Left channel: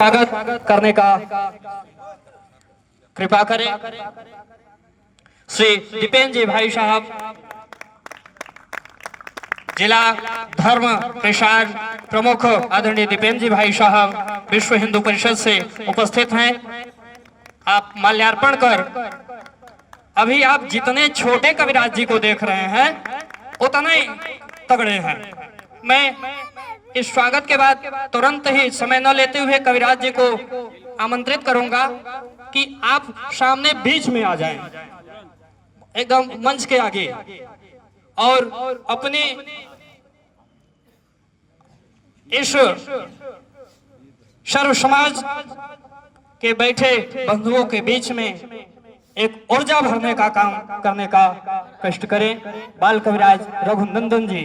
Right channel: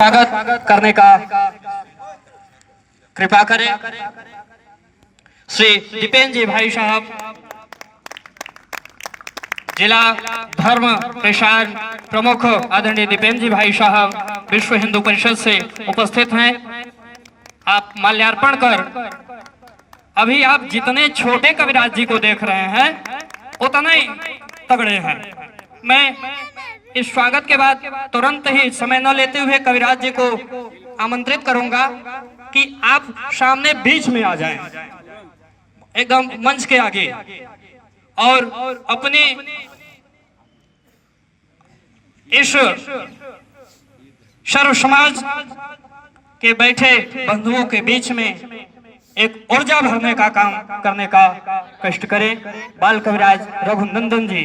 स्वागत करने का कृपा करें। श्री दीपेन जी भाई साहब, जिला धर्म प्रसार प्रमुख आदरणीय दीपेन जी भाई साहब विश्व हिंदू परिषद से उपस्थित हैं। आप माल्यार्पण कर, अभी आप जितने छोटे कविराज जी को देख रहे हैं उतने ही तगड़े हैं। मैं इस स्वागत के बाद तुरंत ही समय न लेते हुए कविराज जी को आमंत्रित करूंगा कि आप सामने बीच में आ जाएं, एकदम मंच के आगे, और अपनी इस सर्व समाज के बैठे बंधुओं के बीच में एक ऊर्जा भरने का काम करने का कष्ट करें। बाल कविराज रघुनंदन जी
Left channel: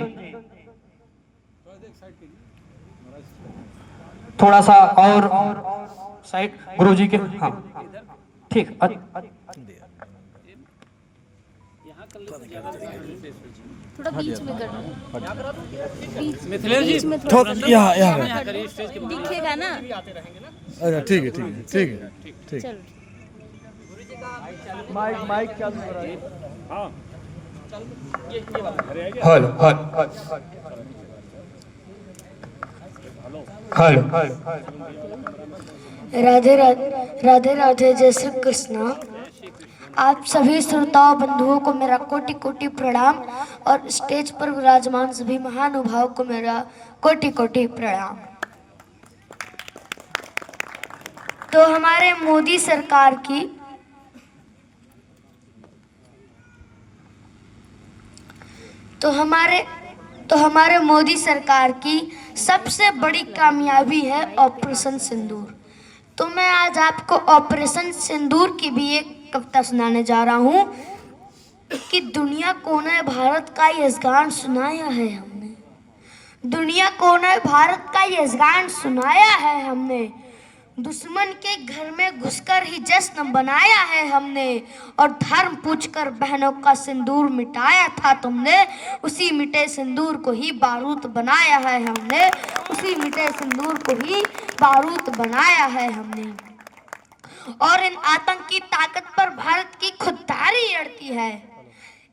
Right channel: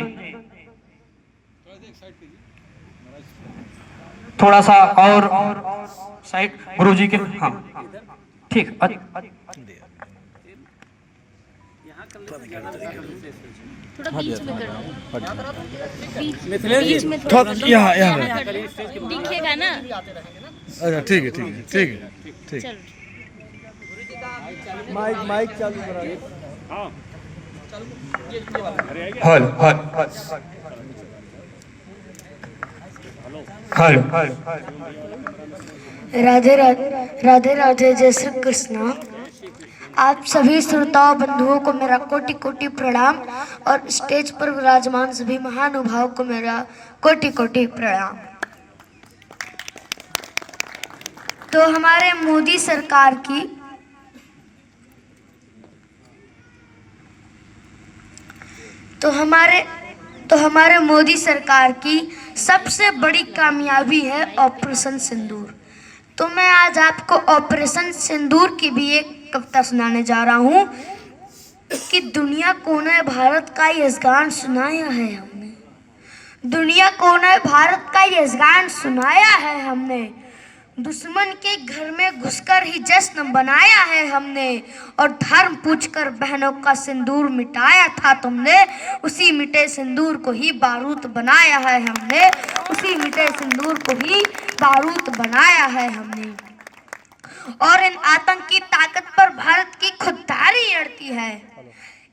थोड़ा सा और साइड, गुरु जी के, हाँ ठीक, थोड़ा बीच में करना, बीच में थोड़ा यहाँ दिखेगा ना। अच्छा ठीक है ठीक है ठीक है ठीक है। माइक चल हल हल राधे राधे राधे जय श्री कृष्ण। आप सभी श्रोताओं बंधुओं को मेरा कोटि कोटि प्रणाम और स्टेज पर विराजमान सभी महानुभावों को मेरा कोटि कोटि प्रणाम। तो हमारे मोदी सरकार की हमारे मोदी सरकार की सबसे बड़ी कामयाबी है ऑपरेशन सिंदूर। तो मैं आज आपको ऑपरेशन सिंदूर की भी एक कविता सुनाने जा रहा हूँ कि दुनिया कोने भारत का यजगान सुनाया है हमने, दुनिया कोने भारत का यजगान सुनाया है हमने, दुश्मन के घर में घुसकर ही जश्न बनाया है हमने, और धर्म पूछकर बहनों का सिंदूर मिटाया था तुमने, उसी मिटे सिंदूर को ही बारूद बनाया है हमने, उसी मिटे सिंदूर को ही बारूद बनाया है हमने। और इन आतंकी ताकत पर भारत की खुददारी अड़ती है,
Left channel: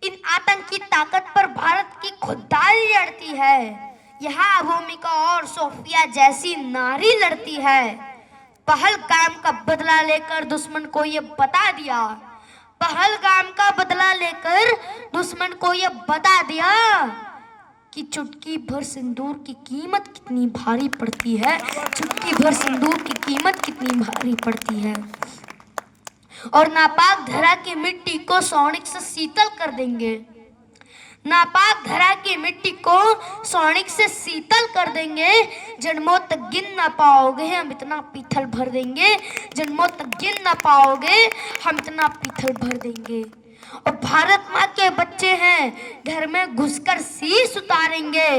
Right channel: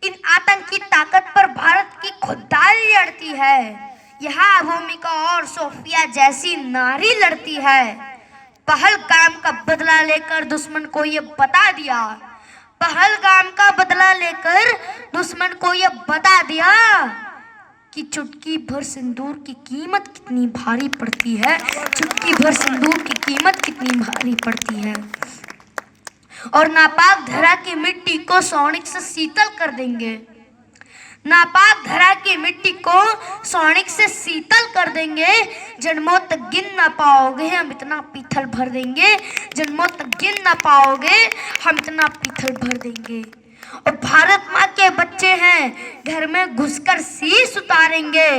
इन आतंकी ताकत पर भारत की खुददारी अड़ती है। यहाँ भूमिका और सोफिया जैसी नारी लड़ती है। पहलगाम का बदला लेकर दुश्मन को ये बता दिया, पहलगाम का बदला लेकर दुश्मन को ये बता दिया कि चुटकी भर सिंदूर की कीमत कितनी भारी पड़ती है, चुटकी भर सिंदूर की कीमत कितनी भारी पड़ती है। और नापाक धरा की मिट्टी को सोनिक से शीतल कर देंगे, नापाक धरा की मिट्टी को सोनिक से शीतल कर देंगे, जन्मों तक गिन ना पाओगे हम इतना पीथल भर देंगे, जन्मों तक गिन ना पाओगे हम इतना पीथल भर देंगे। और भारत माँ के बच्चे हैं घर में घुसकर शीश उतारेंगे,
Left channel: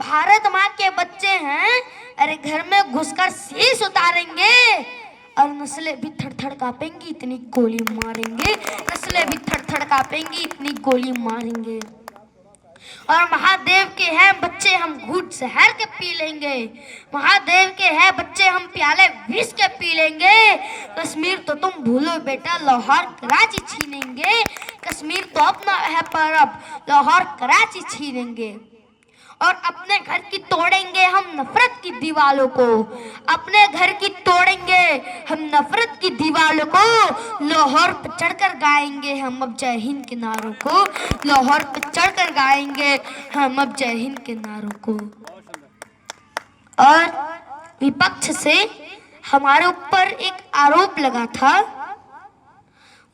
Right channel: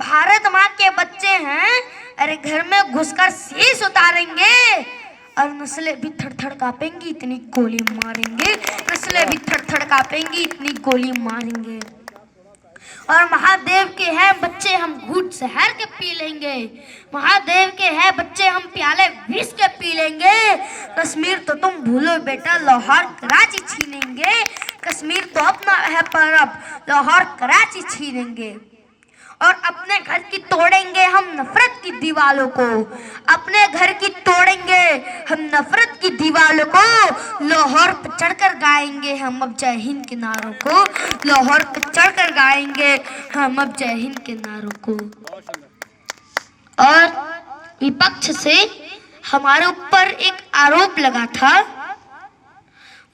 भारत माँ के बच्चे हैं अरे घर में घुसकर शीश उतारेंगे, और नस्लें भी थर थर कांपेंगी इतनी गोली मारेंगे, नस्लें भी थर थर कांपेंगी इतनी गोली मारेंगे। और महादेव के हैं बच्चे हम घूट शहर के पी लेंगे, महादेव के हैं बच्चे हम प्याले विष के पी लेंगे, कश्मीर तो तुम भूलो बेटा लाहौर कराची छीनेंगे, कश्मीर तो अपना है पर अब लाहौर कराची छीनेंगे। और अपने घर की तोड़ेंगे हम नफरत की दीवालों को, अपने घर की तोड़ेंगे हम नफरत की दीवालों को, लाहौर पे चढ़कर गाएंगे हम अब जय हिंद के नारों को, लाहौर पे चढ़कर गाएंगे हम अब जय हिंद के नारों को। और विपक्ष से हमारे ऊपर एक आरोप लगा था,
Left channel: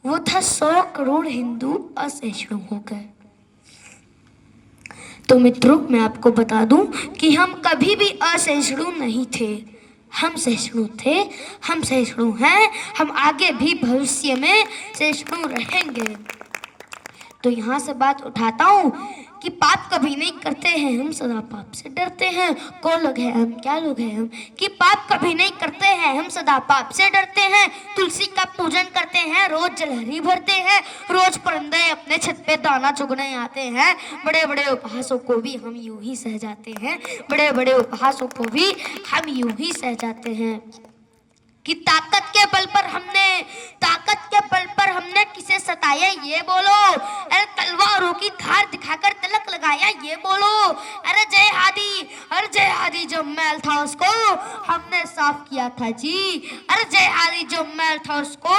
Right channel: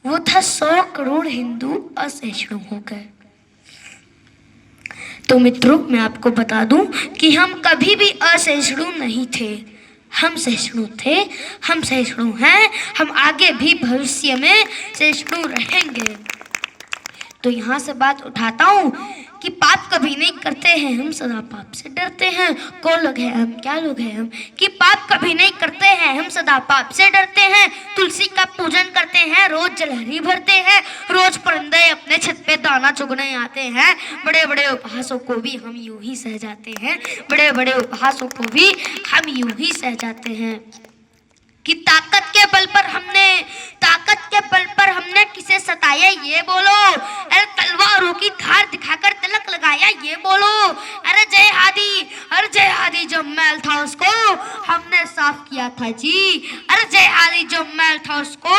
वो था 100 करोड़ हिंदू असहिष्णु हो गए। तो मित्रों मैं आपको बता दूं कि हम कभी भी असहिष्णु नहीं थे, हम सहिष्णु थे, हम सहिष्णु हैं, हम आगे भी भविष्य में सहिष्णु रहेंगे। तो यहाँ से बात उठाता हूँ कि पाप कभी नहीं करते हैं हम सदा पाप से डरते हैं। कौन लोग हैं हम, क्या लोग हैं हम, कि पाप कभी नहीं करते हैं हम सदा पाप से डरते हैं। तुलसी का पूजन करते हैं, रोज जलहरी भरते हैं, रोज परिंदे अपने छत पे दाना चुगने आते हैं। बड़े बड़े उपहासों को भी हम यूं ही सह जाते हैं, बड़े बड़े उपहासों को भी हम यूं ही सह जाते हैं। कि ताकत के बल पर हमने किसे सताया ये बोलो, अरे तलवारों की धार दिखाकर तिलक लगाया ये बोलो, अरे जय हादी जो मैल था उसको हमने साफ किया था जी, अरे जय हादी जो मैल था उसको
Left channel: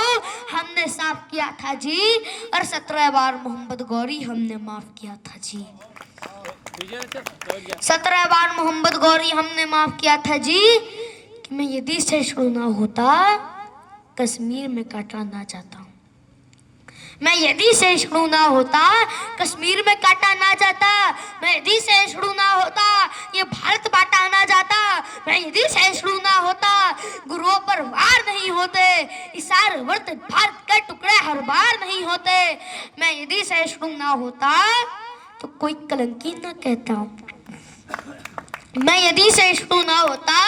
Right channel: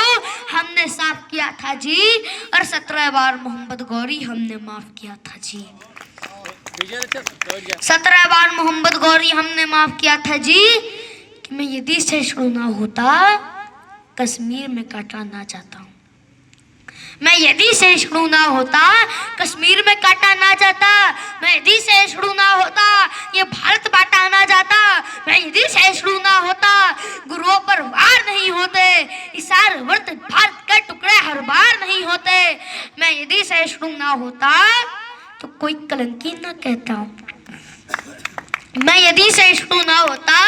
हमने साफ किया था जी, और 17 बार मोहम्मद गौरी हमने माफ किया था जी, 17 बार मोहम्मद गौरी हमने माफ किया था जी। कि मैं यदि सहिष्णु ना होता कश्मीर में काटा ना जाता हूँ, मैं यदि सहिष्णु ना होता कश्मीर में काटा ना जाता, मैं यदि सहिष्णु ना होता ये भारत बांटा ना जाता, मैं यदि सहिष्णु ना होता गुरुओं पर वार नहीं होते, इशार वर्त भारत के टुकड़े हर बार नहीं होते, मैं यदि सहिष्णु ना होता तो कोई कलंकी ना कहता, मैं यदि सहिष्णु ना होता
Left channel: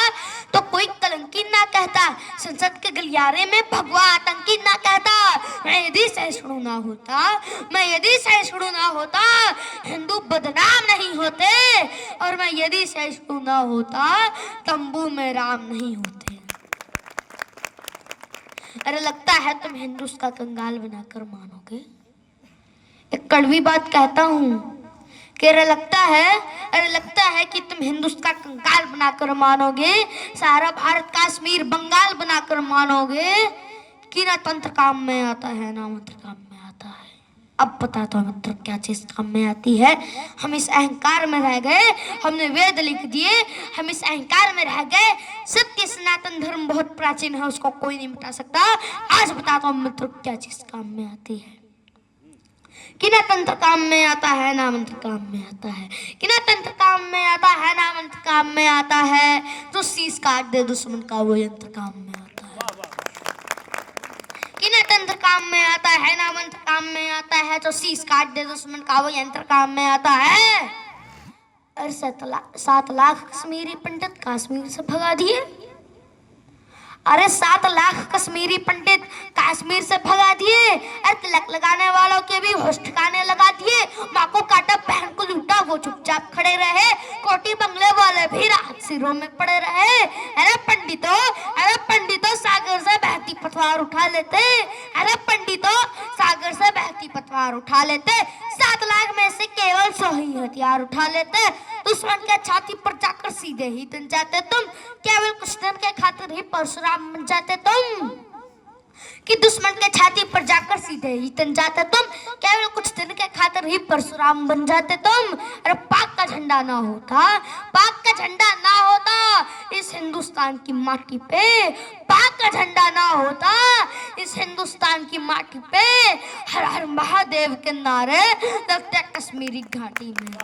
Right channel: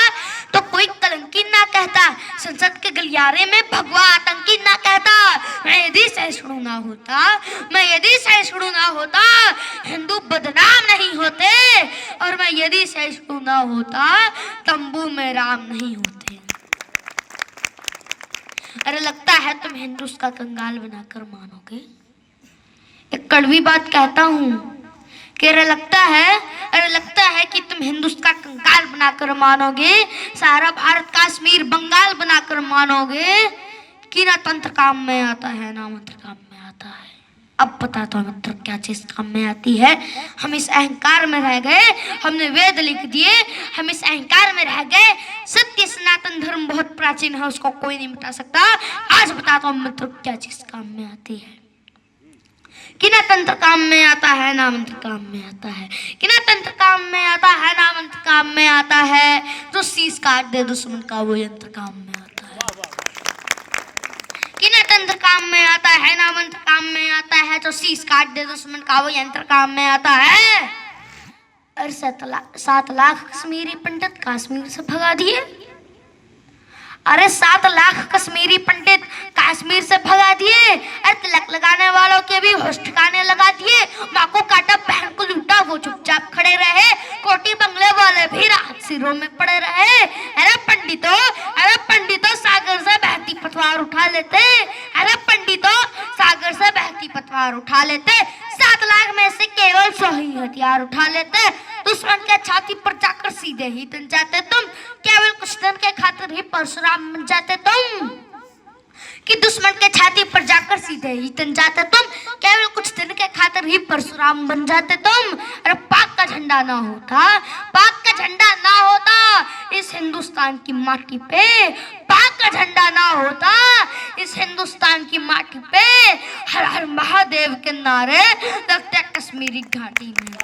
तो कोई कलंकी ना कहता, संसद के गलियारे में भगवा आतंकी ना कहता, मैं यदि सहिष्णु ना होता, मैं यदि सहिष्णु ना होता हिंदू बदनाम नहीं होते, और मैं यदि सहिष्णु ना होता तंबू में राम नहीं होते। अरे लगता है तुम हिंदू का कंगाल बनाकर मानोगे, एक कड़वी बात कहता हूँ कि अरे लगता है कि तुम हिंदुस्तान का कंगाल बनाकर मानोगे, सारा भारत कश्मीर बंगाल बनाकर मानोगे कि ना तंत्र काम में आता है ना मंत्र काम में आता है। अब बता दो मित्र क्या चीज काम में आती है। हम इस अहंकार में रह गए, हमने वेद लिख दिए, हम इस अहंकार में रह गए। सत्य सनातन धर्म बहुत प्राचीन है, उसको कोई नहीं मिटा सकता। आज बताता हूँ मित्र क्या चीज काम में आती है। कि ना तंत्र काम में आता है ना मंत्र काम में आता है, कि ना तंत्र काम में आता है ना मंत्र काम में आता है, तो शीश काट दे दुश्मन का वो यंत्र काम में आता है। कि ना तंत्र काम में आता है ना मंत्र काम में आता है, तो शीश काट दे दुश्मन का वो यंत्र काम में आता है। और 7 लाख कश्मीरी पंडित कश्मीर से भगा दिए, अरे 7 लाख कश्मीरी पंडित कश्मीर से भगा दिए। अरे तिलक लगाने वालों के भी होश ठिकाने लगा दिए, माँ को काटा बहन को लूटा वो चुपचाप खड़े रहे, कोटी बंगले वाले भी राहत सिरों में पड़े रहे। अरे पंडितों सागर से बहती पतवार उठा लेते, अरे पंडितों सागर से बहती पतवार उठा लेते, 7 लाख में से केवल 100 ही हथियार उठा लेते, दुश्मन के छाती पर जाकर सीधे ही तन जाते तुम, केवल कुछ दिन के खातिर ही परशुराम बन जाते तुम। कि दुश्मन के छाती पर जाकर सीधे ही तन जाते तुम, केवल कुछ दिन के खातिर ही परशुराम बन जाते तुम। अरे पाक का झंडा ना होता इस हिंदुस्तान की माटी पे, पाक का झंडा ना होता इस हिंदुस्तान की माटी पे, हर हर महादेव के नारे लगते कश्मीरी घाटी में।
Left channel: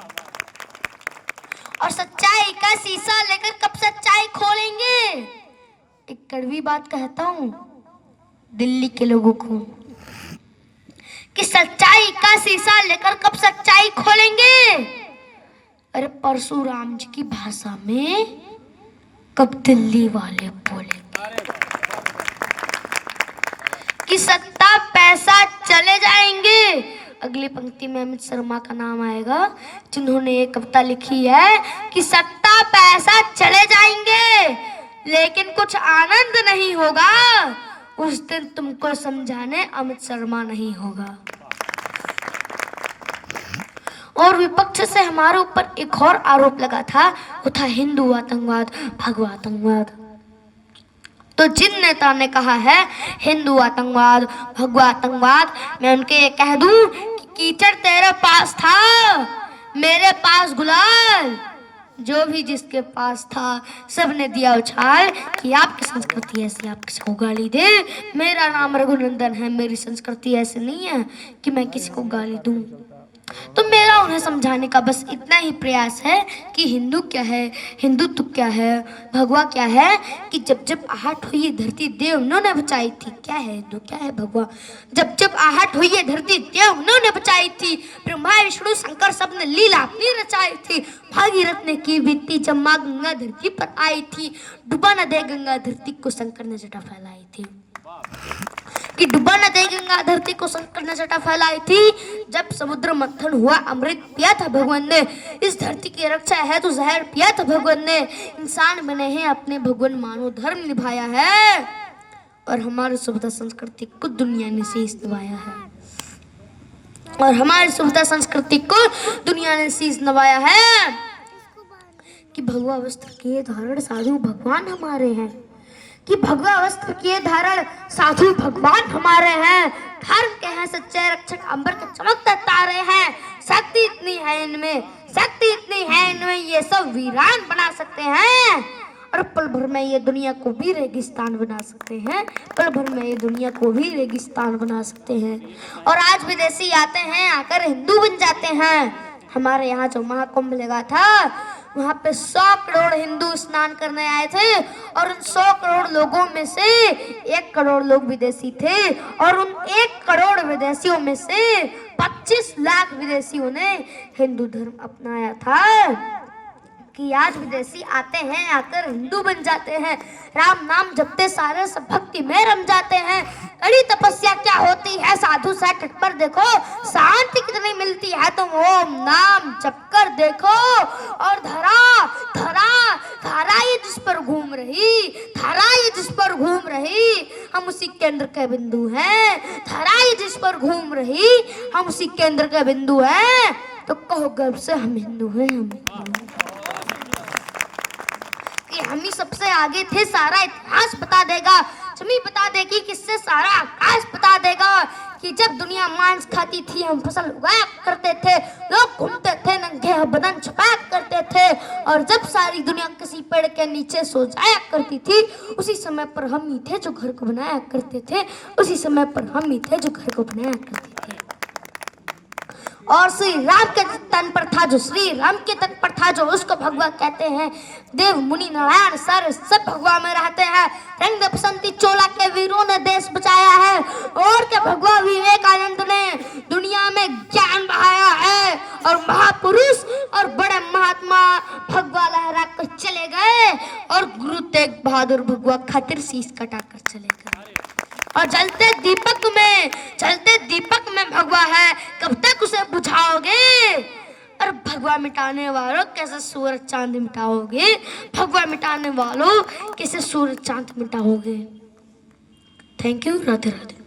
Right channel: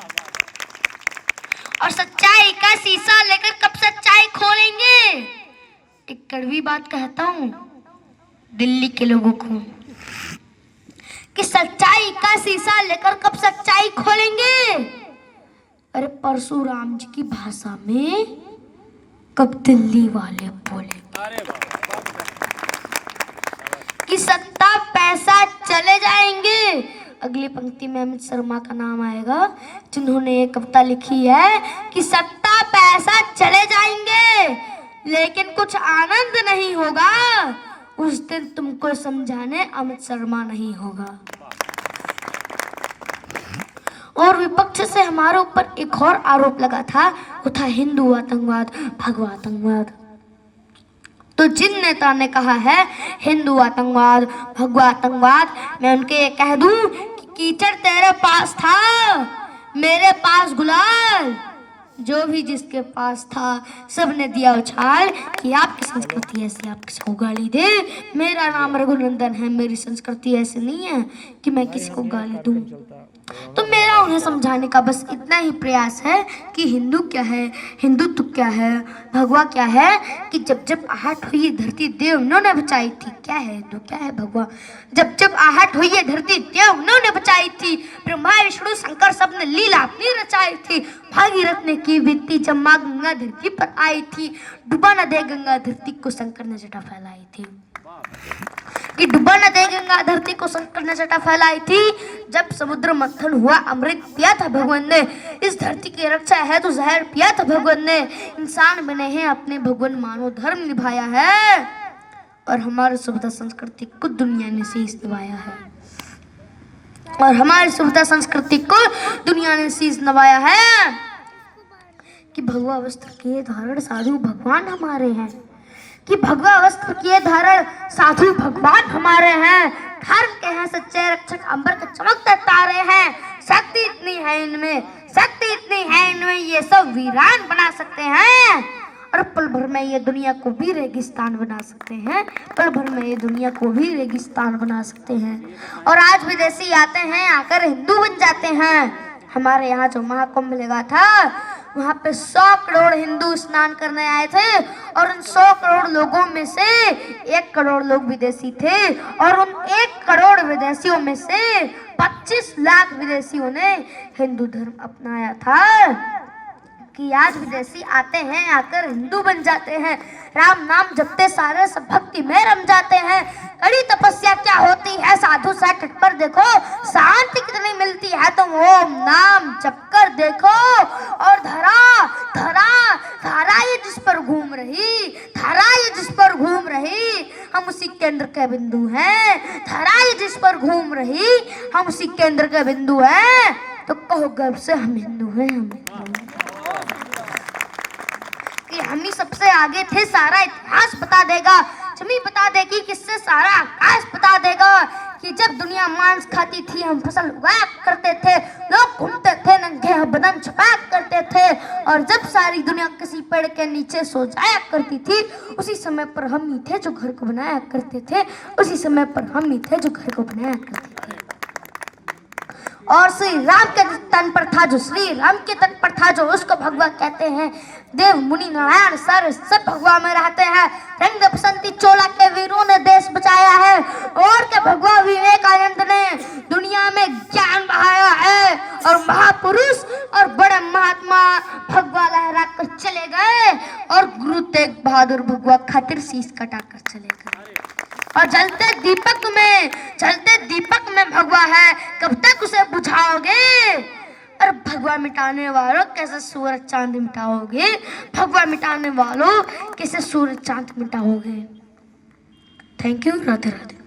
और सच्चाई का शीशा लेकर कब सच्चाई खोलेंगे। एक कड़वी बात कहता हूँ दिल्ली के लोगों को कि सच्चाई का शीशा लेकर कब सच्चाई खोलेंगे। अरे परशुराम जी की भाषा में कब दिल्ली वाले बोलेंगे कि सत्ता पैसा चले जाएंगे। अगली पंक्ति में अमित शर्मा का नाम आएगा जिन्होंने एक कविता लिखी है कि सत्ता पैसा चले जाएंगे लेकिन कुछ आनंद नहीं होगा, उस दिन तुमको समझाने अमित शर्मा नहीं होगा। और विपक्ष से हमारे ऊपर एक और आरोप लगा था, वो था हिंदू आतंकवाद भगवा आतंकवाद। तो जिन नेता ने कहा है हिंदू आतंकवाद भगवा आतंकवाद, मैं उनके ये कह दूं कि कीचड़ तेरे पास था मेरे पास गुलाल, जो भी जिसके पास था सबने दिया उछाल कि आपकी संस्कृति ऐसी आप किसी को गाली दे। मेरा नाम रघुनंदन है, मेरी संस्कृति ऐसी नहीं है कि मैं किसी को गाली दूं। तो मेरा उन्हें समझाने का बस इतना ही प्रयास है कि हिंदू क्या है, हिंदुत्व क्या है, भगवा क्या है, कि जब जब आहट हुई ये धरती देव उन्होंने बचाई थी। क्या है हिंदू, क्या है भगवा? जब जब आहट हुई ये धरती देव उन्होंने बचाई थी। ब्रह्मा विष्णु शंकर सब ने लीला अपनी रचाई थी। भागीरथ ने की बीती जब माँ गंगा धरती पर आई थी। डुबा न दे गंगा धरती को शंकर ने जटा फैलाई थी। कि डुबा न दे गंगा धरती को शंकर ने जटा फैलाई थी। जब समुद्र मंथन हुआ अमृत पिया था भगवान ने। इस धरती की रक्षा है तो जहर पिया था भगवान ने। इंसान बने हैं अपने भगवान मानव धर्म निभाया है और हमारी सभ्यता संस्कृति को दुनिया ने शीश नवाया है। और हमारी सभ्यता संस्कृति को दुनिया ने शीश नवाया है कि भगवा वस्त्र के धारण साधु भगवान हमारे हैं। कि भगवा वस्त्र के धारण साधु भगवान हमारे हैं। धर्म के हैं सच्चे रक्षक, अंबर के चमकते तारे हैं। शक्ति इतनी है इनमें, शक्ति इतनी है इनमें, ये सब वीरान बना सकते हैं। और पल भर में ये दुनिया को भी रेगिस्तान बना सकते हैं। पल भर में ये दुनिया को भी रेगिस्तान बना सकते हैं। और आज विदेशी आते हैं, आकर हिंदू बन जाते हैं। हमारे यहाँ जो महाकुंभ लगा था वहाँ पे 100 करोड़ हिंदू स्नान करने आए थे और उन 100 करोड़ लोगों में से 1 करोड़ लोग विदेशी थे। और उन 1 करोड़ विदेशियों में से 25 लाख विदेशियों ने हिंदू धर्म अपनाया था। कि आज विदेशी आते हैं, आकर हिंदू बन जाते हैं। राम नाम जपते सारे सब भक्ति में रम जाते हैं। कड़ी तपस्या क्या होती है साधु सा तट पर देखो, शांति कितनी मिलती है तुम ओम नाम जप कर देखो। और धरा धरा धारा ये जिस पर घूम रही, धारा ये जिस पर घूम रही, हम उसी केंद्र के बिंदु हैं। धारा ये जिस पर घूम रही, हम उसी केंद्र के बिंदु हैं। तो कहो गर्व से हम हिंदू हैं, हम ही सबसे आगे थे। सारा इतिहास बता देगा, जमी बता देगी, किससे सारा आकाश बता देगा। कि जब दुनिया मांस खाती थी हम फसल उगाया करते थे, लोग घूमते थे नंगे बदन छुपाया करते थे। और जब सारी दुनिया किसी पेड़ के नीचे सो जाया करती थी, उसी समय पर हम ही थे जो घर को बनाया करते थे। उसी समय पर हम ही थे जो घर को बनाया करते थे। और श्री राम के तन पर था जो श्री राम के तन पर था जो, उसको भगवा कहते हैं। देव मुनि नारायण सर सब भगवा में रहते हैं। रंग बसंती चोला के वीरों ने देश बचाया है। और के भगवा विवेकानंद ने दुनिया में ज्ञान बहाया है। और महापुरुष और बड़े महात्मा भगवा लहरा कर चले गए। और गुरु तेग बहादुर भगवा खातिर शीश कटाकर चले गए। और जलते दीपक में भगवा है, कब तक उसे बुझाओगे? और भगवा मिटाने वालों कैसे सूरज चांद मिटाओगे? भगवा मिटाने वालों कैसे सूरज चांद मिटाओगे? Thank you, Radhe Radhe.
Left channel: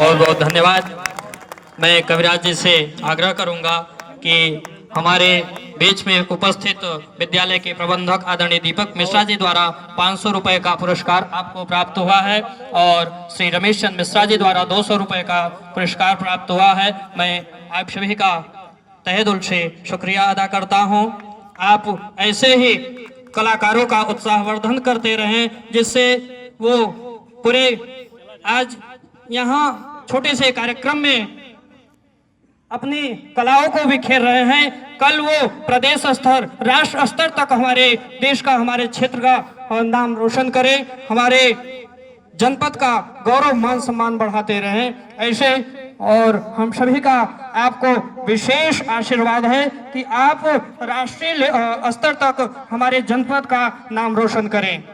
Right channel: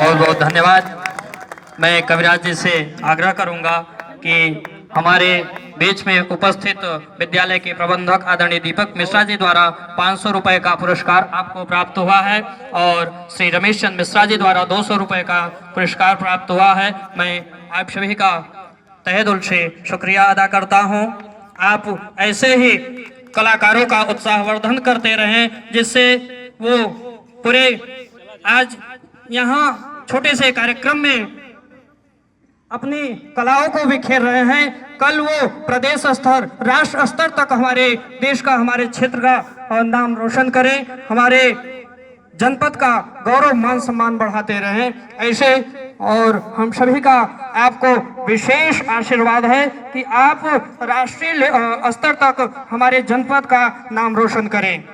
बहुत बहुत धन्यवाद। मैं कविराज जी से आग्रह करूंगा कि हमारे बीच में उपस्थित विद्यालय के प्रबंधक आदरणीय दीपक मिश्रा जी द्वारा 500 रुपए का पुरस्कार आपको प्राप्त हुआ है। और श्री रमेश चंद्र मिश्रा जी द्वारा 200 रुपए का पुरस्कार प्राप्त हुआ है। मैं आप सभी का तहे दिल से शुक्रिया अदा करता हूं। आप ऐसे ही कलाकारों का उत्साहवर्धन करते रहें, जिससे वो पूरे आज यहाँ छोटे से कार्यक्रम में अपनी कलाओं को बिखेर रहे हैं। कल वो प्रदेश स्तर, राष्ट्र स्तर तक हमारे देश का, हमारे क्षेत्र का नाम रोशन करे, हमारे जनपद का गौरव मान सम्मान बढ़ाते रहे ऐसे। और हम सभी का आपको विशेष आशीर्वाद है कि आप राष्ट्रीय स्तर तक हमारे जनपद का नाम रोशन करें।